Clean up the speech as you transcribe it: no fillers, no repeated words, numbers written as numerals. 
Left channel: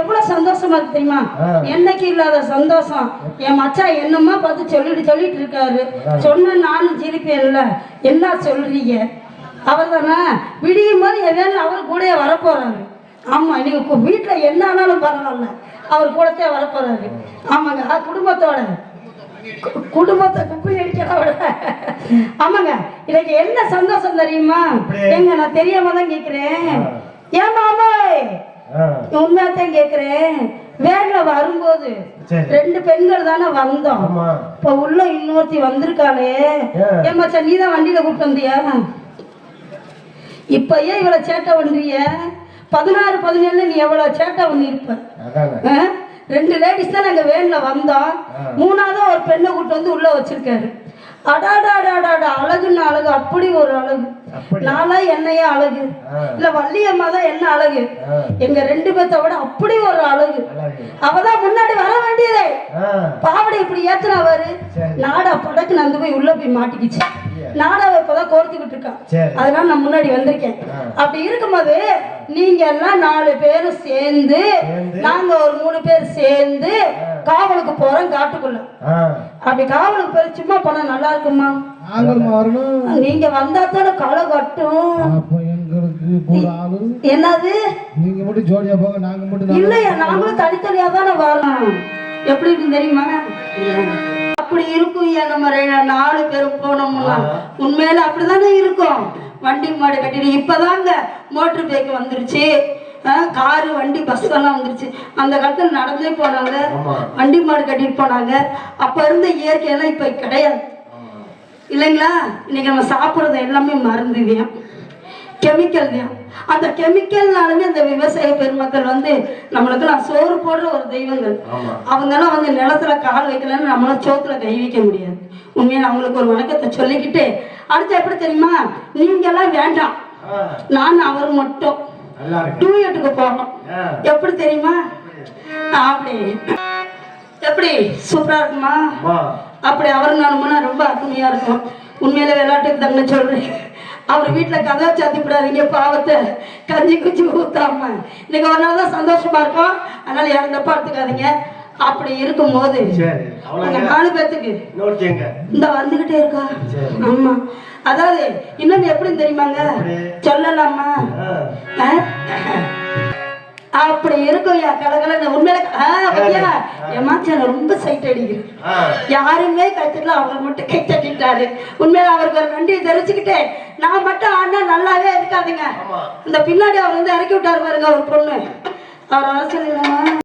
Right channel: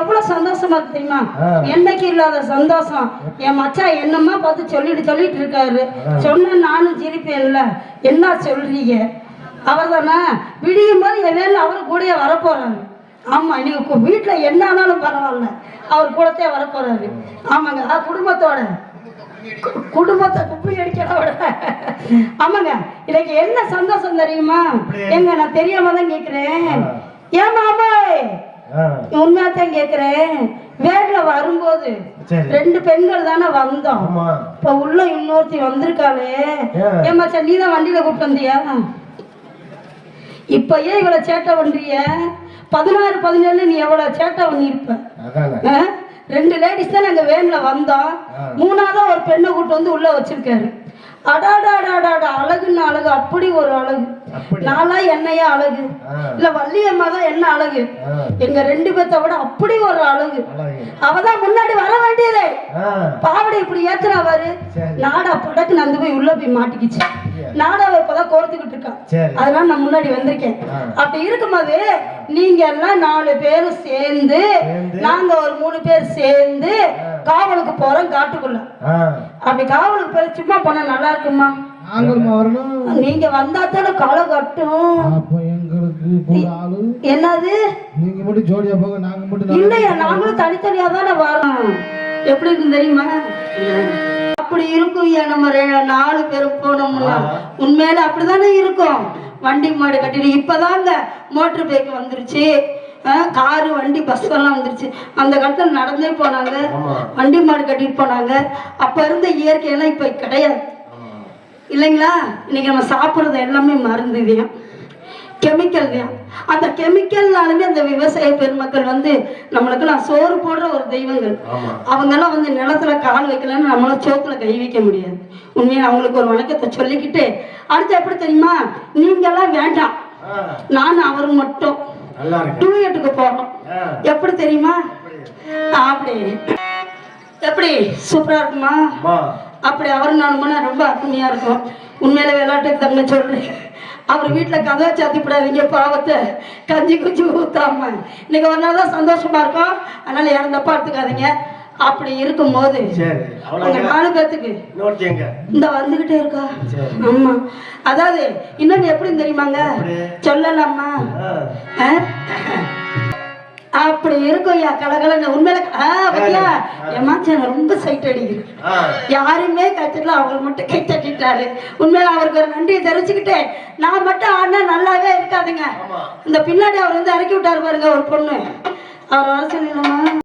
எவ்வளவு சந்தோஷமா இருக்கு தெரியுமா? என்னைக்கு இல்லாத சந்தோஷம். என் மச்சான் என்னம்மா பார்த்து சொல்லிட்டு இருக்காரு. சொன்ன நானும் சிரிப்பேன்ல. என்ன சொல்றீங்க? அவர் தானே விடியும் போது என் வேலை அவர் கூட வரப்போறாரு. ஆமா, நீங்க வீட்டுல என்ன ஆனாலும் பரவாயில்ல, அவர் கூடத்தே வரப்போறாரு. ஆமாங்க, குடும்பத்தை குப்பி அடிக்கிறோட. ஆமாங்க, எனக்கு என்ன சந்தோஷம் தெரியுமா? எங்க நான் தெரியாம தான் கேட்கிறேன். ஏன் மாமா உண்மையாத்தான் கேட்கிறேன். வேன்ல வரும்போது 2 பெண்கள் தானே வந்தோம். இப்ப உள்ள இன்னொருத்தி வந்திருக்காளே. ஏன் மச்சான் நீ தான் வண்டியில கூப்பிட்டு வந்தியா? இப்ப ஏன் இவ்வளவு சேட்டை பண்றிய? 16, 17 நீ எவ்வளவு சேட்டை பண்ணிருப்ப. 2 லேடிஸ் தான் நாங்க வேன்ல வந்தோம். 3ஆவதா ஒரு பெண்ணை கூட்டு வந்து உள்ள வச்சிருக்காரு. அடாடாடாடாடா, அழகுன்னு அழகு, அப்படி ஒரு அழகு. நாளா என்னையா அழகு இல்ல வள்ளியம்மா தான் என்ன அழகு. எங்க 2 பேர்த்த விட அப்படி ஒரு அழகு. அவதான் முன்னாடி வர வேண்டியதே. பாவடை இப்படி ஏத்துனவாரு. நாடா படக்கு நந்து போய் உள்ள போய் மாட்டிக்கிச்சு. நாடாவை இப்பதான் கோர்த்துக்கிட்டு இருக்கா. அதனால நான் முன்னாடி வந்திருக்கேன். அப்படி இருக்கும்போது நீங்க எல்லாம் 4 பேரும் சேர்ந்து, நாங்க ஒரு 3 பேர் சேர்ந்து காவலுக்கு போறோம் காட்டுக்குள்ள. அப்படி காவலுக்கு போற சும்மா போனா நல்லா இருக்குமா? நீங்க வந்தா தானே களை கட்டும். என்னது நீங்க மட்டும் ஜோடியா போக, நாங்க மட்டும் இல்லையா? நாங்களும் தனித்தனியா தானே வரணும். எப்படி இருக்கு தெரியுமா? அப்படி இருக்கும். நம்ம 4 பேரும் போனோம்னா உண்மையில அப்படிதானே இருக்கும். வண்டி மாடு கட்டிட்டு இப்பதாங்க மோட்டர் பைக் வந்துருச்சு, காரு வண்டி பஸ் எல்லாம் வந்துருச்சு. அந்த காலத்துல நடந்தே போனாங்க, வண்டி மாடு கட்டிட்டு போனாங்க. அப்ப இருந்த இயற்கையெல்லாம் இப்ப கிடையாது இல்லைங்களா? இன்னைக்கு நம்ம சாப்பிட்றது எல்லாமே மருந்துவியம், கெமிக்கல். அந்த கெமிக்கல்னாலுமே அந்த விவசாய பெருமக்கள் வந்து நம்மளுக்கெல்லாம் சோறு போடுற ஒரு தெய்வங்கள். அவங்கெல்லாம் வந்து நிலத்துல கால் வைக்கலன்னு நம்மளால சோத்துல கை வைக்க முடியாது. உண்மையில அவங்களுக்கு ஒரு வணக்கத்தை சொல்லிக்கிட்டு அடுத்து எப்படி தெரியுமா? நீங்க எல்லாம் வேண்டாம், நான் அவர் மட்டும் டூயட்டுக்கு போறோம். எப்படி தெரியுமா? அப்படி எப்படி சூப்பரா இருக்குமா? அப்படி அவர் நானுமா ரொம்ப அருமையா இருக்கும். உண்மையில விளையாட்டுக்கு தங்க சொல்றேன். அவர் வீட்டுல கதை சாத்திப்படாதீங்க, பாவத்தை கஞ்சி குச்சி ஊத்தாம. இன்னைக்கு ஒரு நாள் தான் சந்தோஷமா இருக்கும், அதனால யாரும் தப்பா எடுத்துக்காதீங்க. அப்படி இருக்கும் போது 4 பேத்துக்கு இந்த வந்துகிட்டே இருக்கா. ஆமா, அதாவது இன்னொன்னு எப்படி தெரியுமாங்க? சொல்லலாமா? அப்படி இருக்கும் கலகல. உண்மையில ஏமாச்சான ரொம்ப சைட் அடிக்குது. யாருமே கத்துக்கல, அவர் மட்டும் கை தட்டிட்டாரு. உண்மையில அவருக்கு ஒரு நன்றியை தெரிச்சுக்கிட்டு நான் மட்டும் ஆனா நல்லாவே இருக்காதுங்க. இந்த பின்னாடி அவர் வந்து இறக்கி விட்டாரு பாருங்க ஒரு பொண்ணு.